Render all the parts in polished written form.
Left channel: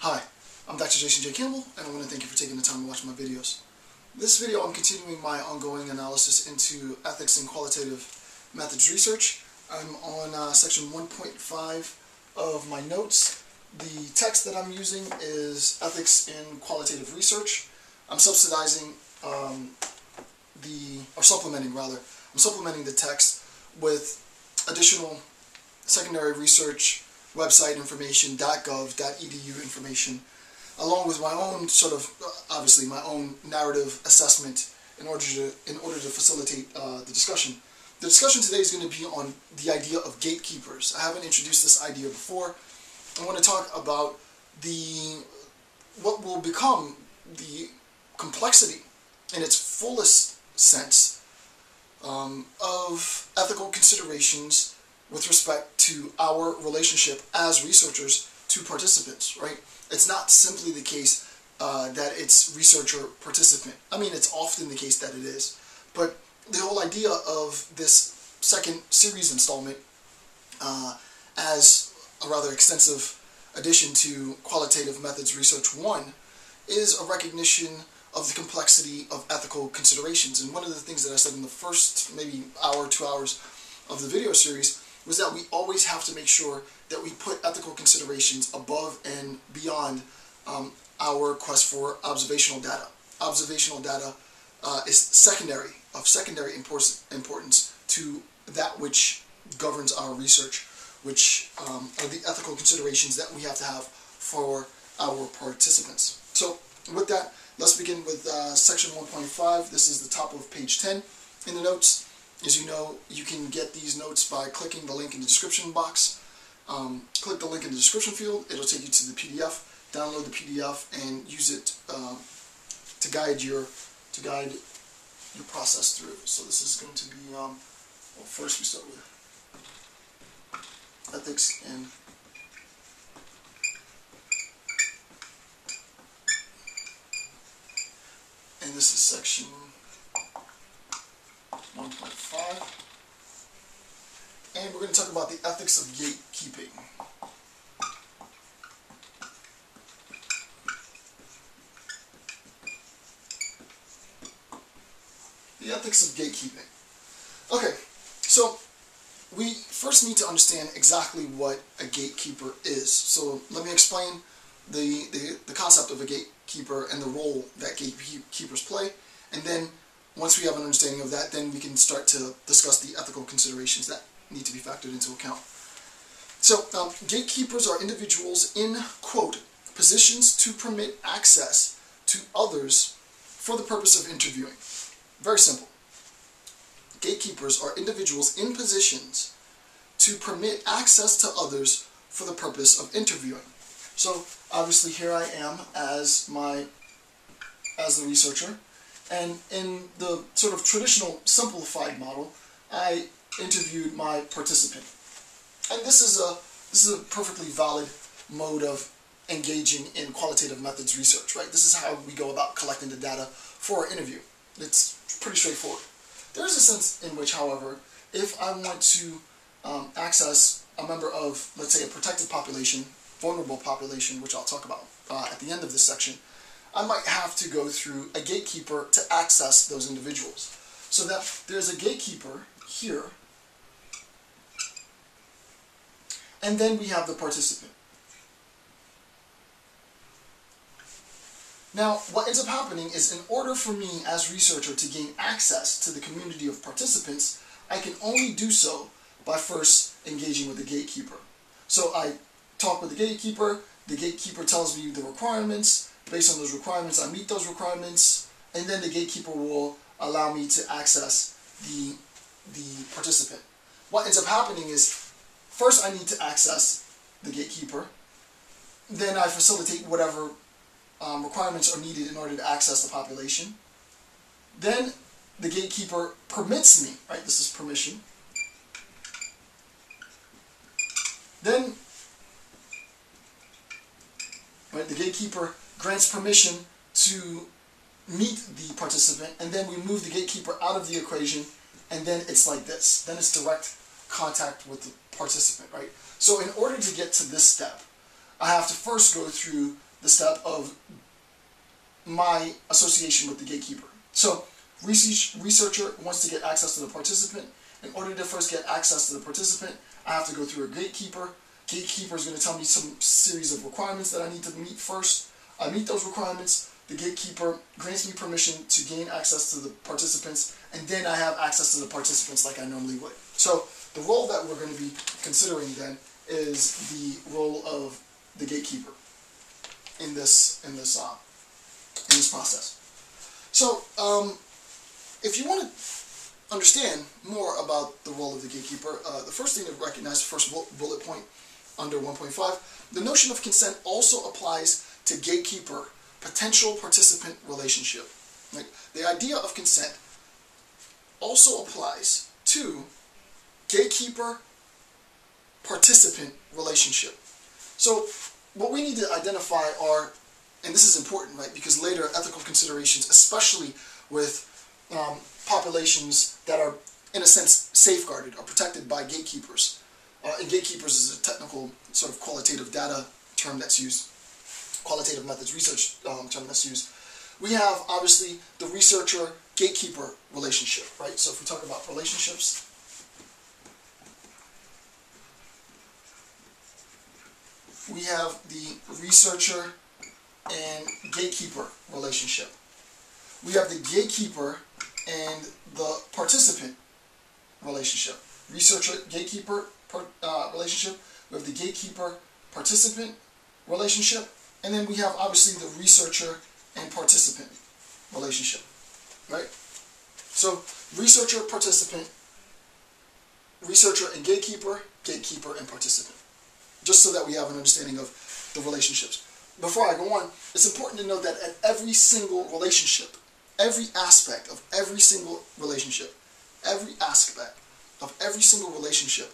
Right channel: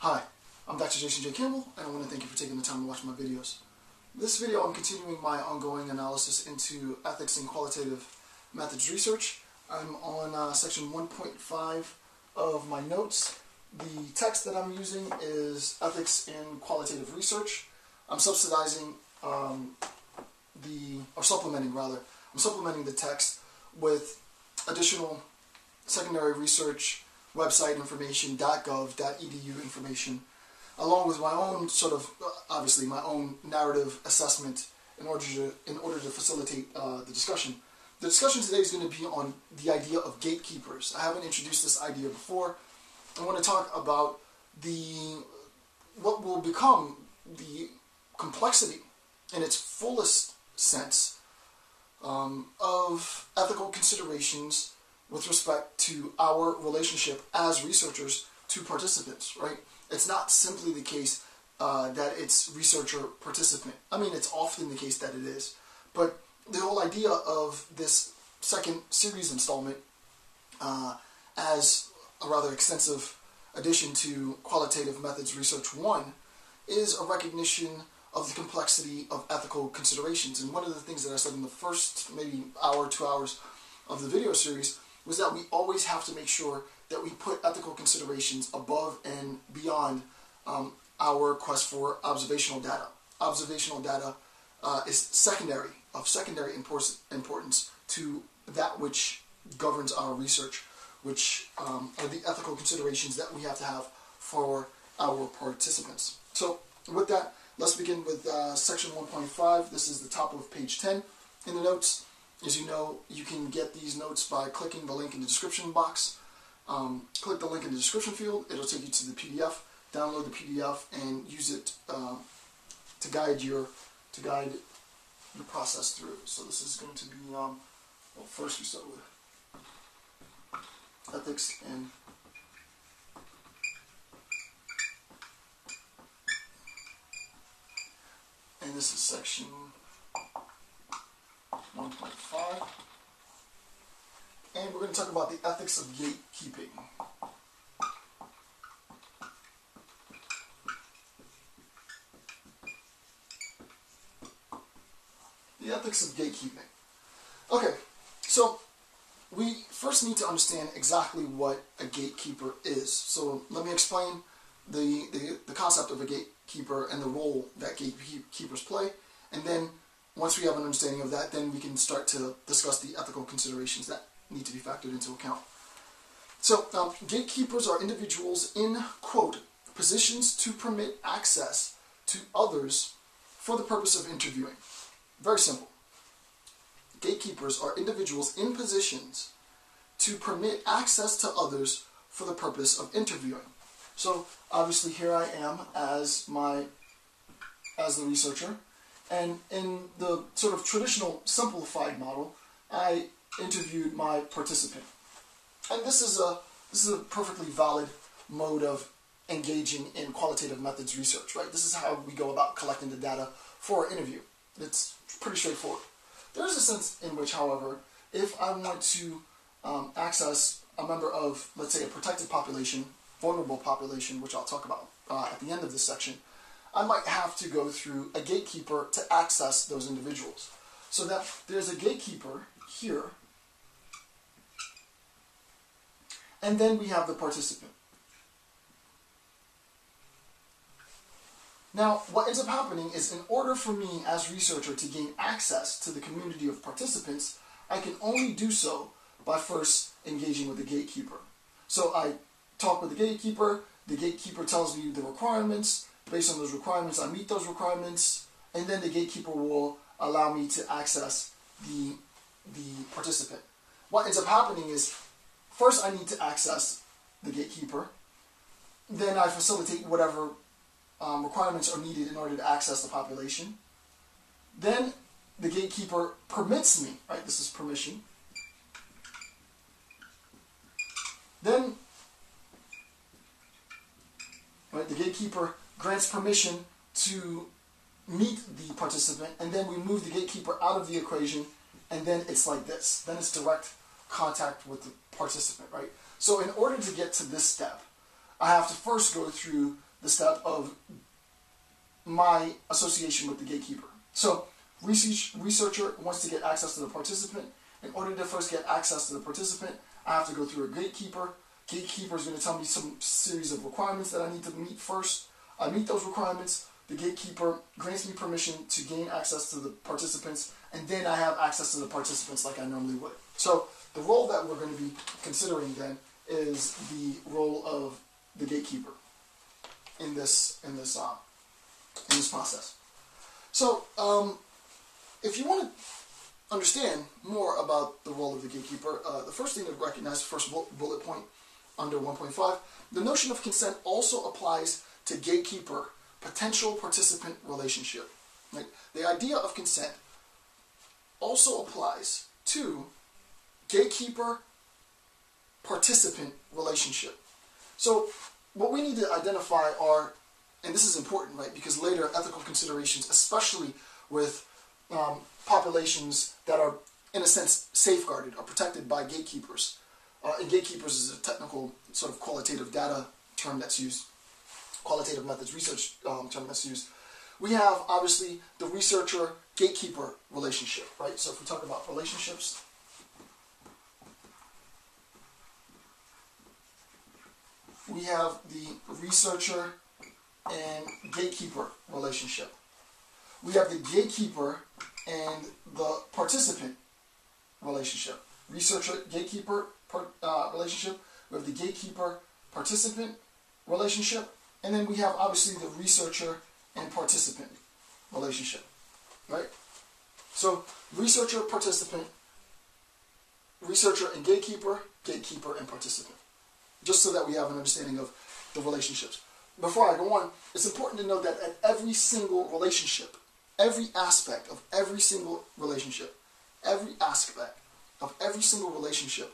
Hi, I'm Dr. Jason J. Campbell, and I want to thank you for taking the time to watch my videos. This video, I'm continuing my ongoing analysis into ethics and qualitative methods research. I'm on section 1.5 of my notes. The text that I'm using is Ethics in Qualitative Research. I'm supplementing the text with additional secondary research, website information, .gov, .edu information, along with my own obviously my own narrative assessment in order to facilitate the discussion. The discussion today is going to be on the idea of gatekeepers. I haven't introduced this idea before. I want to talk about what will become the complexity in its fullest sense of ethical considerations with respect to our relationship as researchers to participants, right? It's not simply the case that it's researcher-participant. I mean, it's often the case that it is. But the whole idea of this second series installment as a rather extensive addition to Qualitative Methods Research 1 is a recognition of the complexity of ethical considerations. And one of the things that I said in the first maybe hour, 2 hours of the video series was that we always have to make sure that we put ethical considerations above and beyond our quest for observational data. Observational data is secondary importance to that which governs our research, which are the ethical considerations that we have to have for our participants. So with that, let's begin with section 1.5. This is the top of page 10 in the notes. As you know, you can get these notes by clicking the link in the description box. Click the link in the description field. It'll take you to the PDF. Download the PDF and use it to guide your process through. So this is going to be well, first we start with ethics and this is section 1.5, and we're going to talk about the ethics of gatekeeping. The ethics of gatekeeping. Okay, so we first need to understand exactly what a gatekeeper is. So let me explain the concept of a gatekeeper and the role that gatekeepers play, and then once we have an understanding of that, then we can start to discuss the ethical considerations that need to be factored into account. So, gatekeepers are individuals in, quote, positions to permit access to others for the purpose of interviewing. Very simple. Gatekeepers are individuals in positions to permit access to others for the purpose of interviewing. So, obviously here I am as the researcher. And in the sort of traditional simplified model, I interviewed my participant. And this is a perfectly valid mode of engaging in qualitative methods research, right? This is how we go about collecting the data for an interview. It's pretty straightforward. There is a sense in which, however, if I want to access a member of, let's say, a protected population, vulnerable population, which I'll talk about at the end of this section, I might have to go through a gatekeeper to access those individuals. So that there's a gatekeeper here, and then we have the participant. Now, what ends up happening is in order for me as researcher to gain access to the community of participants, I can only do so by first engaging with the gatekeeper. So I talk with the gatekeeper tells me the requirements. Based on those requirements, I meet those requirements, and then the gatekeeper will allow me to access the participant. What ends up happening is, first I need to access the gatekeeper, then I facilitate whatever requirements are needed in order to access the population. Then the gatekeeper permits me, right? This is permission. Then, right, the gatekeeper grants permission to meet the participant, and then we move the gatekeeper out of the equation, and then it's like this. Then it's direct contact with the participant, right? So in order to get to this step, I have to first go through the step of my association with the gatekeeper. So researcher wants to get access to the participant. In order to first get access to the participant, I have to go through a gatekeeper. Gatekeeper is going to tell me some series of requirements that I need to meet first. I meet those requirements. The gatekeeper grants me permission to gain access to the participants, and then I have access to the participants like I normally would. So the role that we're going to be considering then is the role of the gatekeeper in this process. So if you want to understand more about the role of the gatekeeper, the first thing to recognize, first bullet point under 1.5, the notion of consent also applies to gatekeeper potential participant relationship. Right? The idea of consent also applies to gatekeeper participant relationship. So what we need to identify are, and this is important, right, because later ethical considerations, especially with populations that are, in a sense, safeguarded or protected by gatekeepers. And gatekeepers is a technical sort of qualitative data term that's used, qualitative methods research term that's used. We have, obviously, the researcher-gatekeeper relationship, right? So if we talk about relationships, we have the researcher and gatekeeper relationship. We have the gatekeeper and the participant relationship. Researcher-gatekeeper relationship. We have the gatekeeper-participant relationship. And then we have, obviously, the researcher and participant relationship. Right? So, researcher-participant, researcher and gatekeeper, gatekeeper and participant. Just so that we have an understanding of the relationships. Before I go on, it's important to know that at every single relationship, every aspect of every single relationship, every aspect of every single relationship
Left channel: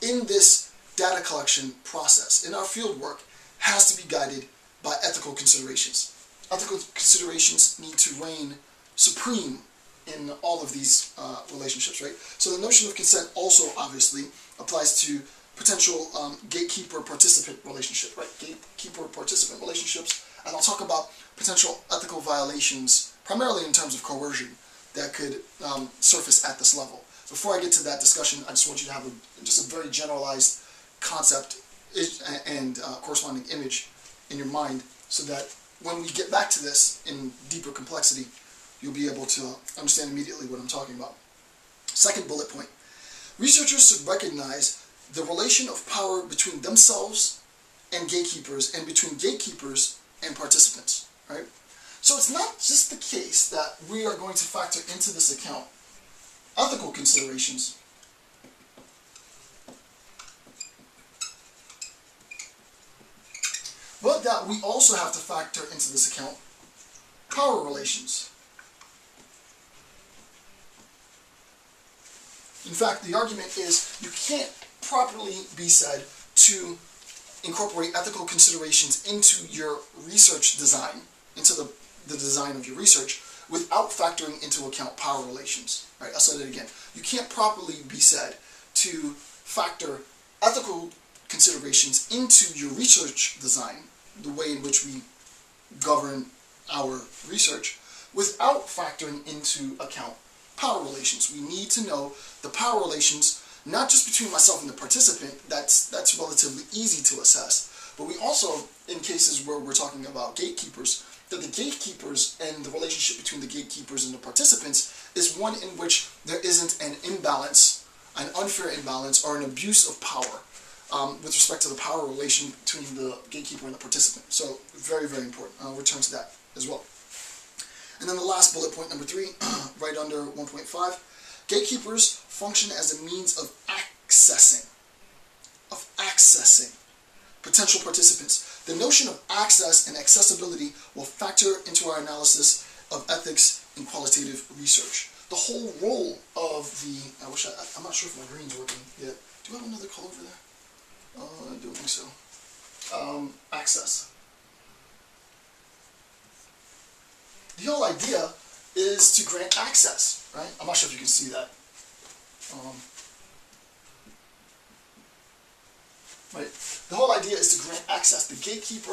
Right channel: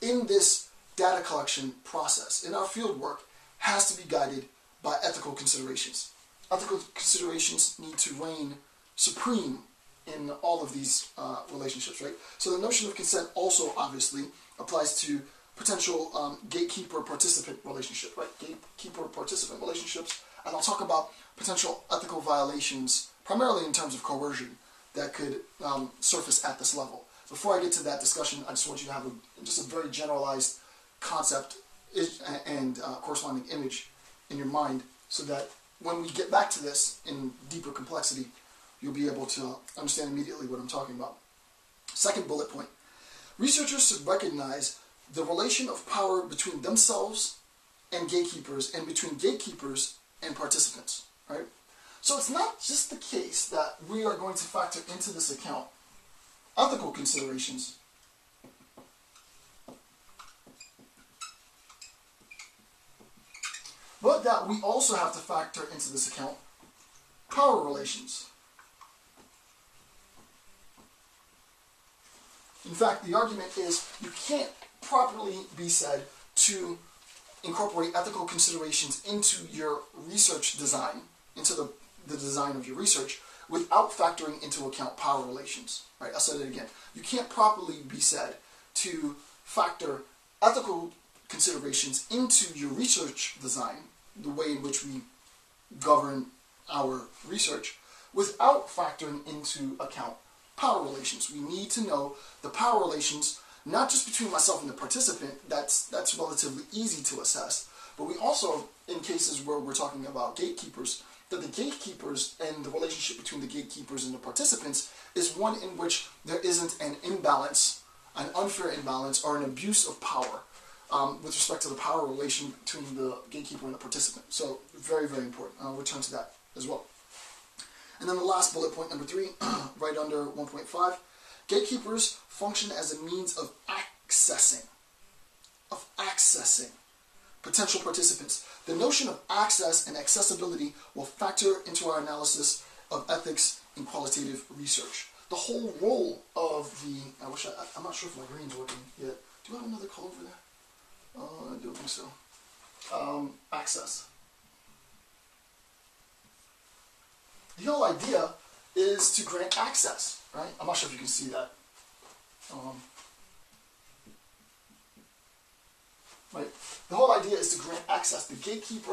in this data collection process, in our field work, has to be guided by ethical considerations. Ethical considerations need to reign supreme in all of these relationships, right? So the notion of consent also obviously applies to potential gatekeeper-participant relationship, right? Gatekeeper-participant relationships, and I'll talk about potential ethical violations, primarily in terms of coercion, that could surface at this level. Before I get to that discussion, I just want you to have just a very generalized concept and corresponding image in your mind, so that when we get back to this in deeper complexity, you'll be able to understand immediately what I'm talking about. Second bullet point. Researchers should recognize the relation of power between themselves and gatekeepers, and between gatekeepers and participants, right? So it's not just the case that we are going to factor into this account ethical considerations, but that we also have to factor into this account power relations. In fact, the argument is you can't properly be said to incorporate ethical considerations into your research design, into the design of your research, without factoring into account power relations. Right? I'll say that again. You can't properly be said to factor ethical considerations into your research design, the way in which we govern our research, without factoring into account power relations. We need to know the power relations, not just between myself and the participant, that's relatively easy to assess, but we also, in cases where we're talking about gatekeepers, that the gatekeepers and the relationship between the gatekeepers and the participants is one in which there isn't an imbalance, an unfair imbalance, or an abuse of power with respect to the power relation between the gatekeeper and the participant. So very, very important. I'll return to that as well. And then the last bullet point, number 3, right under 1.5, gatekeepers function as a means of accessing potential participants. The notion of access and accessibility will factor into our analysis of ethics in qualitative research. The whole role of the, I'm not sure if my green's working yet. Do I have another color over there? I don't think so. Access. The whole idea is to grant access, right? I'm not sure if you can see that. Right. The whole idea is to grant access. The gatekeeper